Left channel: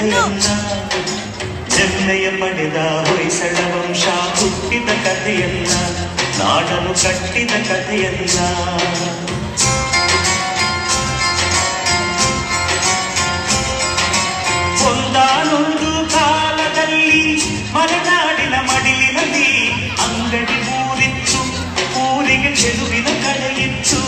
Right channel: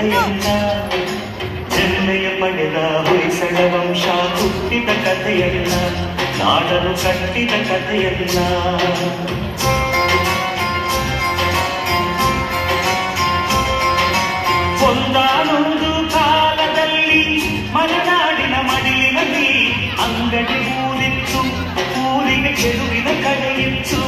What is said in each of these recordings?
ಕಥೆಯನ್ನ, ಹೆಮ್ಮೆಯ ಪಡೆದ ಹೊಯ್ಸಳ ವಂಶ ಹುಟ್ಟಿದ ಕಥೆಯನ್ನ, ನಾಡನು ಕಟ್ಟಿದ ಕಥೆಯನ್ನ. ಒಂದಾನೊಂದು ಕಾಲದಲ್ಲಿ ಮಲೆನಾಡಿನ ಮಡಿಲಿನಲ್ಲಿ ಅಂಗಡಿ ಊರಿತ್ತು, ಊರಿಗೆ ಚೆಲುವಿನ ಕಡೆಯಿತ್ತು.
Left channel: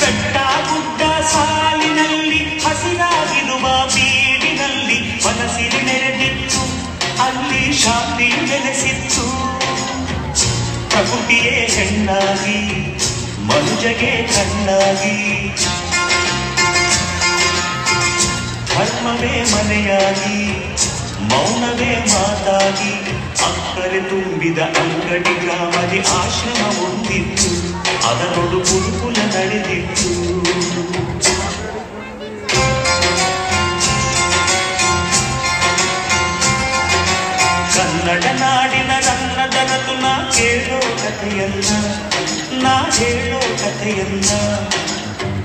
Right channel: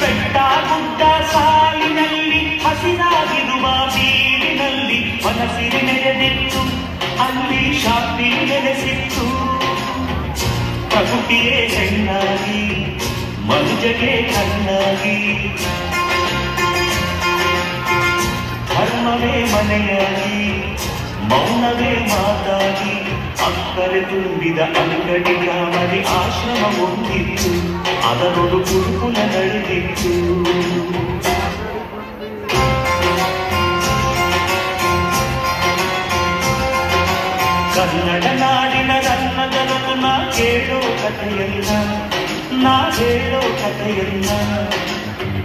ಬೆಟ್ಟ ಗುಡ್ಡ ಸಾಲಿನಲ್ಲಿ ಹಸಿರಾಗಿರುವ ಬೀಡಿನಲ್ಲಿ ಮನಸ್ಸಿಗೆ ನೆರೆದಿತ್ತು, ಅಲ್ಲಿ ಶಾಂತಿ ನೆಲೆಸಿತ್ತು. ಪ್ರಕೃತಿಯೇ ಹೆಣ್ಣಾಗಿ ಮನುಜಗೆ ಕಣ್ಣಾಗಿ, ಧರ್ಮವೇ ಮನೆಯಾಗಿ ಮೌನವೇ ಮಾತಾಗಿ, ಅಕ್ಕರೆ ತುಂಬಿದ ಅಂಗಡಿ ಗ್ರಾಮದಿ ಆಶ್ರಮ ಹೊಂದಿತ್ತು, ಅದರೊಡು ಗುರುಕುಲ ನಡೆದಿತ್ತು. ಕನ್ನಡ ನಾಡಿನ ರನ್ನದನದು ನಾ ಕೇಳೋ ಕಥೆಯನ್ನ, ನಾ ಹೇಳೋ ಕಥೆಯನ್ನ,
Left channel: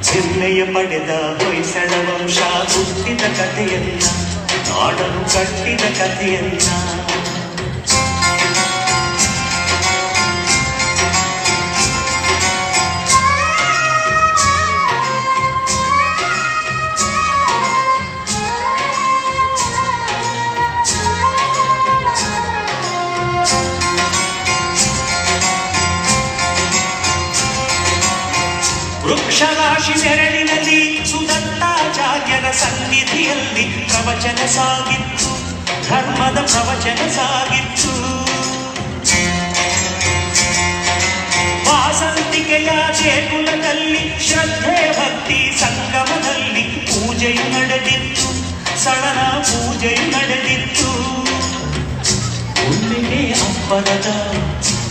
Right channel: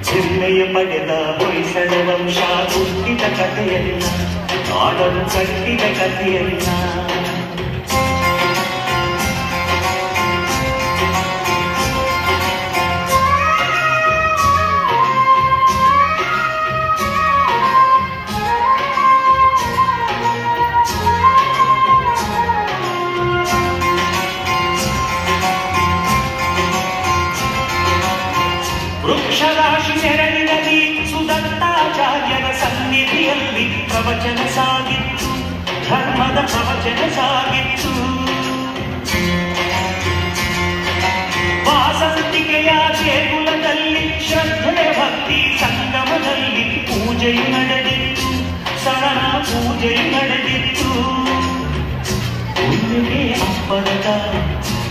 ಹೆಮ್ಮೆಯ ಪಡೆದ ಹೊಯ್ಸಳ ವಂಶ ಹುಟ್ಟಿದ ಕಥೆಯನ್ನ, ನಾಡನು ಕಟ್ಟಿದ ಕಥೆಯನ್ನ. ವೃಕ್ಷರಾಶಿ ನೆರಳಿನಲ್ಲಿ ಸುದತ್ತಾಚಾರ್ಯರ ಸನ್ನಿಧಿಯಲ್ಲಿ ಪ್ರವಚನ ಸಾಗಿತ್ತು, ಧರ್ಮದ ಪ್ರವಚನ ಸಾಗಿತ್ತು. ವಾಸಂತಿಕೆಯ ದೇಗುಲದಲ್ಲಿ ಶ್ರದ್ಧೆ ಭಕ್ತಿ ಸಂಗಮದಲ್ಲಿ ಪೂಜೆ ನಡೆದಿತ್ತು, ಸರಳ ಪೂಜೆ ನಡೆದಿತ್ತು. ಒಳ್ಳೆಯ ಅಪ್ಪರದ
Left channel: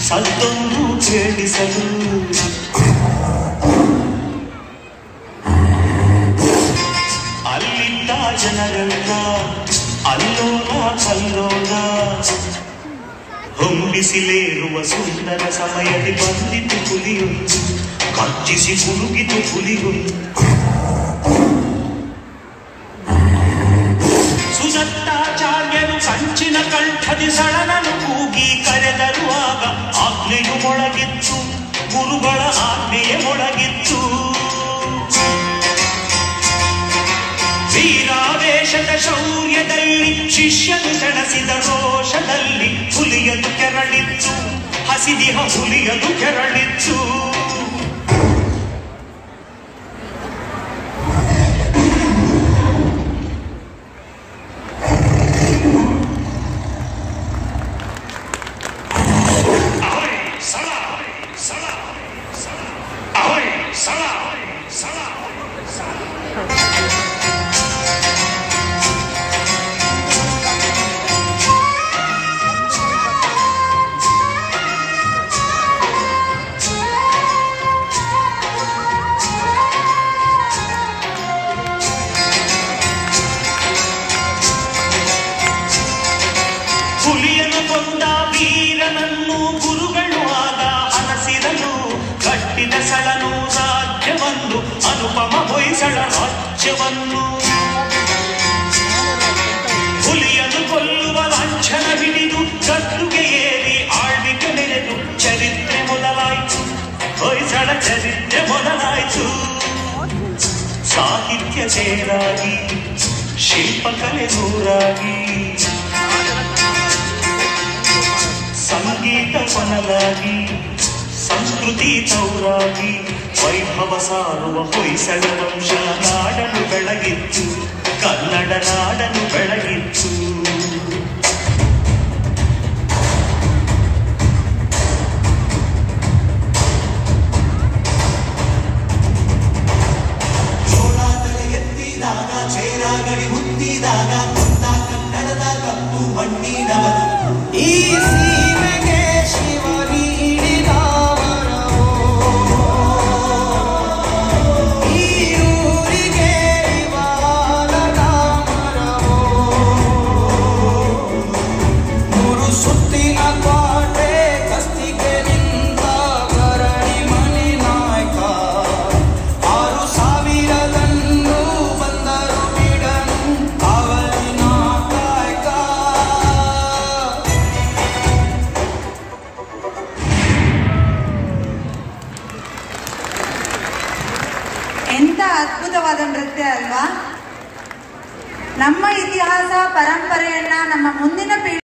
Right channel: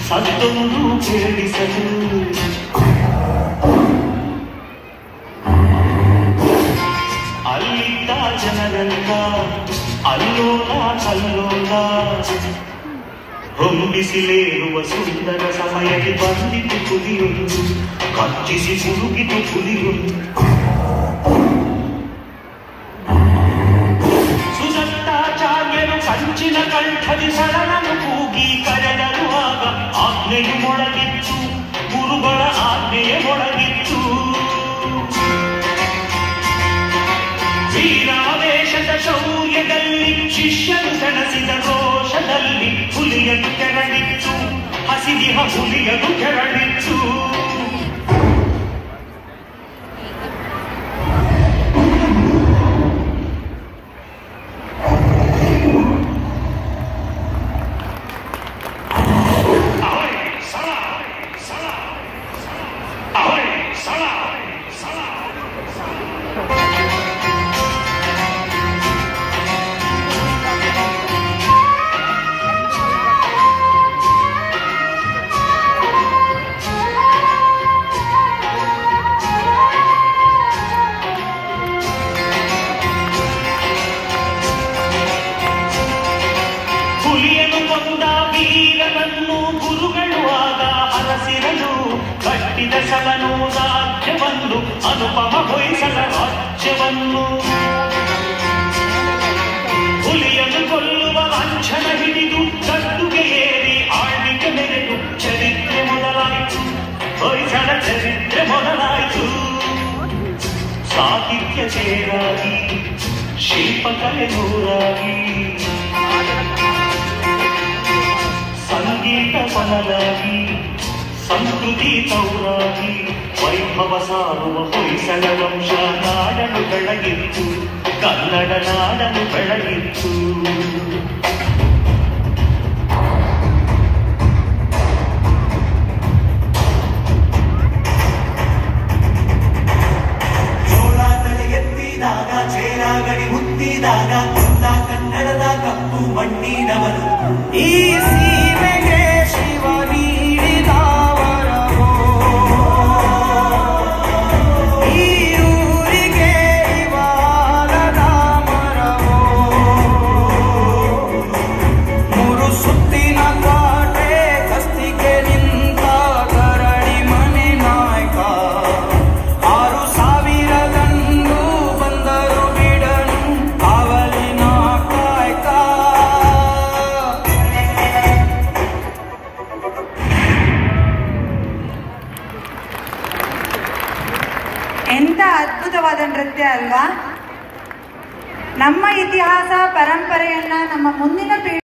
ಸತ್ತೊಂದು ಕೇಳಿಸಲು, ಅಲ್ಲಿದ್ದ ಜನರೆಲ್ಲ ಅಲ್ಲೋಲ ಕಲ್ಲೋಲ, ಹೊಂಬಿಸಿಲೇರುವ ಸುಂದರ ಸಮಯದಲ್ಲಿ ಬಂದಿತು ಪುಲಿಯೊಂದು, ಕಚ್ಚಿಸಿ ಮುಳುಗಿತು ಪುಲಿಯೊಂದು. ಸುದತ್ತಾಚಾರ್ಯರು ಕಂಚಿನ ಕಂಠದಿ ಸಡಲನು ಕೂಗಿ ಕರೆದರು, ಆಗ ಆಜ್ಞೆಯು ಮೊಳಗಿತ್ತು, ಗುರುಗಳ ಆಜ್ಞೆಯೇ ಮೊಳಗಿತ್ತು. ವೀರಾವೇಶದ ಶೌರ್ಯದಲ್ಲಿ ಶಿಷ್ಯನು ತಣಸಿದ ರೋಷದಲ್ಲಿ ಹುಲಿಯದು ಕೆರಳಿತ್ತು, ಹಸಿದಿಹ ಹುಲಿಯದು ಕೆರಳಿತ್ತು. ಹುಲಿಯನು ಕೊಂದ ವೀರನನ್ನು ಗುರುಗಳು ಆಗ ಹರಸಿರಲು, ಕಟ್ಟಿದ ಸಲನು ರಾಜ್ಯವನ್ನು ಅನುಪಮ ಹೊಯ್ಸಳ ರಾಜ್ಯವನ್ನು. ಹುಲಿಯನು ಕೊಲ್ಲುವ ಲಾಂಛನ ಹಿಡಿದು ಗದ್ದುಗೆ ಏರಿ ಆಳ್ವಿಕೆ ಮೆರೆದು ಚರಿತ್ರೆ ಮೊದಲಾಯಿತು, ಹೊಯ್ಸಳ ಚರಿತ್ರೆ ಮೊದಲಾಯಿತು. ಸಾಹಿತ್ಯ ಸೇರಾಗಿ ಶಿಲ್ಪಕಲೆ ನೂರಾಗಿ, ಸಂಗೀತ ಪನಲಾಗಿ ಸಂಸ್ಕೃತಿ ತೌರಾಗಿ, ವೈಭವ ಸಾರುವ ಹೊಯ್ಸಳ ವಂಶ ನಾಡನು ಬೆಳಗಿತ್ತು, ಕನ್ನಡ ನಾಡನು ಬೆಳಗಿತ್ತು. ಎತ್ತಿದಾಗ ಚೇರಾಗಡಿ ಹುಟ್ಟಿದಾಗ ಕನ್ನಡದ ಕಪ್ಪು ಮಣ್ಣಿನವನು, ಈ ಸೀಮೆಗೆ ಶಿವ ನೀಡಿದ ವರವೋ, ಈ ಊರಿಗೆ ಬಾಲದ ಮರವೋ, ಎಂಥ ಅದ್ಭುತವಾದ ನೃತ್ಯ ಅಲ್ವಾ? ನಮ್ಮ ಇತಿಹಾಸ ಪರಂಪರೆಯನ್ನ ನಮ್ಮ ಮುಂದಿನ ಪೀಳಿಗೆ